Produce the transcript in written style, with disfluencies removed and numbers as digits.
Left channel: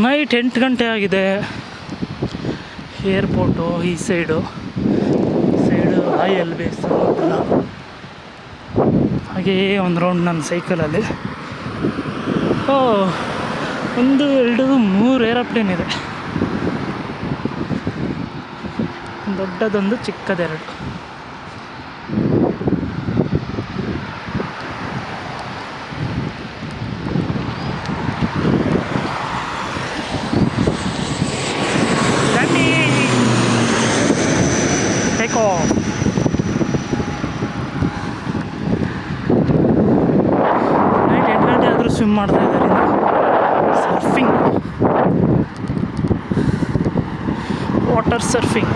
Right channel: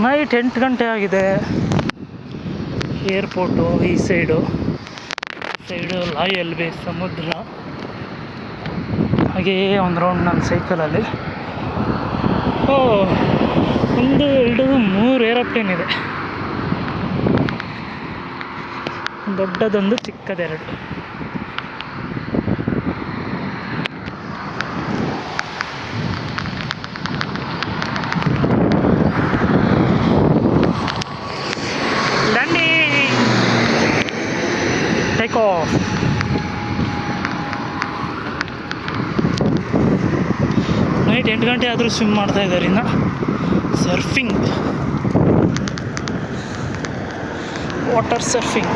Night 8 ಗಂಟೆ ಆಗಿದೆ. Airport ಈ ಸೈಡು ರಾಯಲ್ ಬೇ ಸಮುದ್ರ. ಹಾಗೆಯೇ ಒಂದು ರೌಂಡ್ ನನ್ನ ಸೈಕಲಲ್ಲಿ. 1 2 3 ಏರೋಪ್ಲೇನ್ ಇದೆ. ದೊಡ್ಡದೊಂದು ಚಿಕ್ಕದೆರಡು. Take off. ನೈಟ್ 8 ಗಂಟೆ ಆದರೂ ಸ್ವಿಮ್ ಮಾಡ್ತಾ ಇದ್ದಾರೆ. ಇನ್ನು ಸರ್ಫಿಂಗ್, ವಾಟರ್ ಸರ್ಫಿಂಗ್.